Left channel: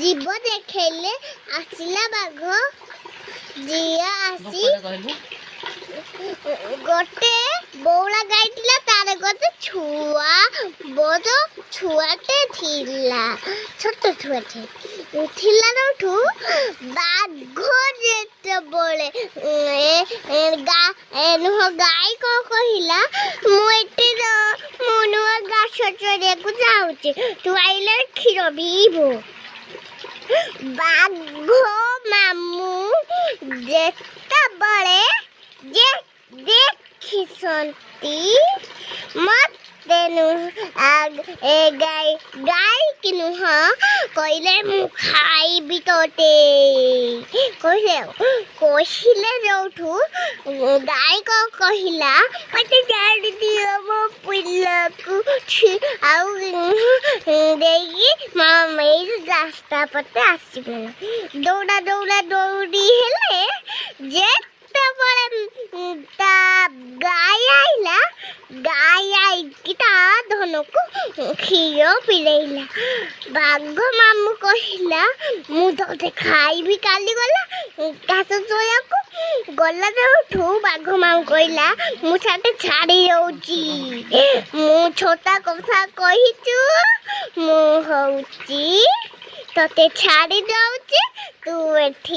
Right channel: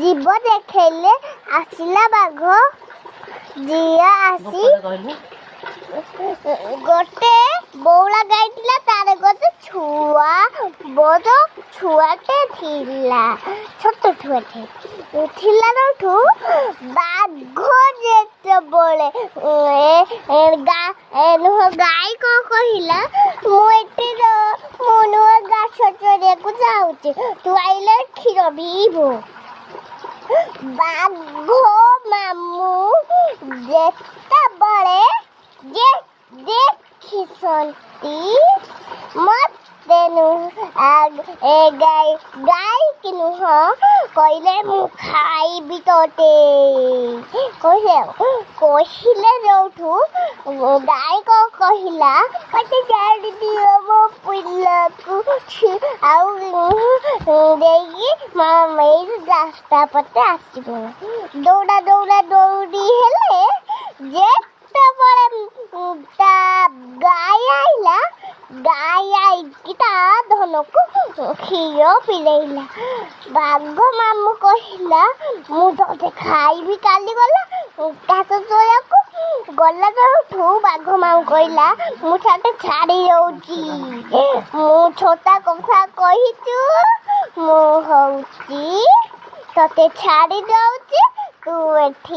जीव देखले आसिला बाघ जिया आसी गोटे बौला गाइला तारे गोटे छुआ बहुत छुआटे थिला छोट छुआटे थिला नठू बाघ जेते बोले गाय को कहिला मु एटी मोनो गाछ चरे को जाउची तू आइले खीर बीबो बाघ मामू जेता बड़े जे देखिसंती मते गाय कि नुह कहले मु खाइबी तोते कहले जोठू गाय को कहिला मते जाड़ दियो मो पिल्ला को आउ देगी मेरी रास्ता पते आसीबे दौड़ा दौड़ा दौड़ी हेले जे गाय आइला गाय आइकी ता धन को क्षीर पिलेला बाघ मामू कहला मु तो खाइबी काली गला घास चोया को गला जोठू बाघ मामू कहला मु साथे छाड़ी जाउची मु छोटा कथा कहिचू मु होउची तते छाड़ी जाउची तू एठी